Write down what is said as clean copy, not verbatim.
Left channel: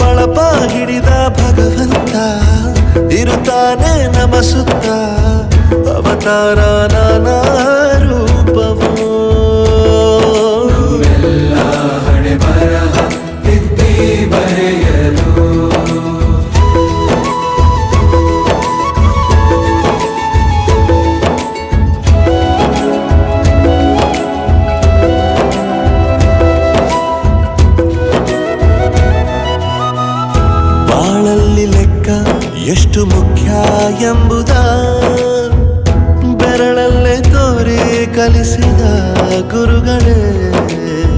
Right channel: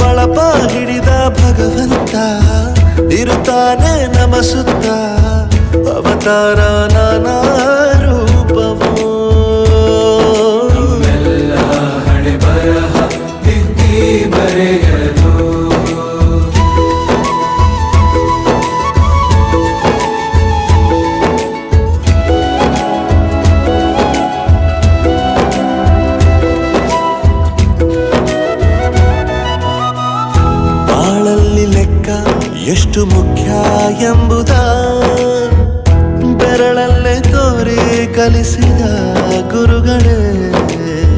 ಬಳಪ ಹಿಡಿದ ಭಗವಂತ ಇರುತ್ತಾನೆ ನಮ ಸುತ್ತ ಅವತಾರ ನಾನಾ ರೂಪವೋ ಬಾಳಲ್ಲಿ ಲೆಕ್ಕ ಎಷ್ಟು ಮುಖ್ಯ ಎಂಬುದ ಬೆರಳಲ್ಲೇ ತೋರಿ ಕಲಿಸಿದ ಗುರುಗಳೇ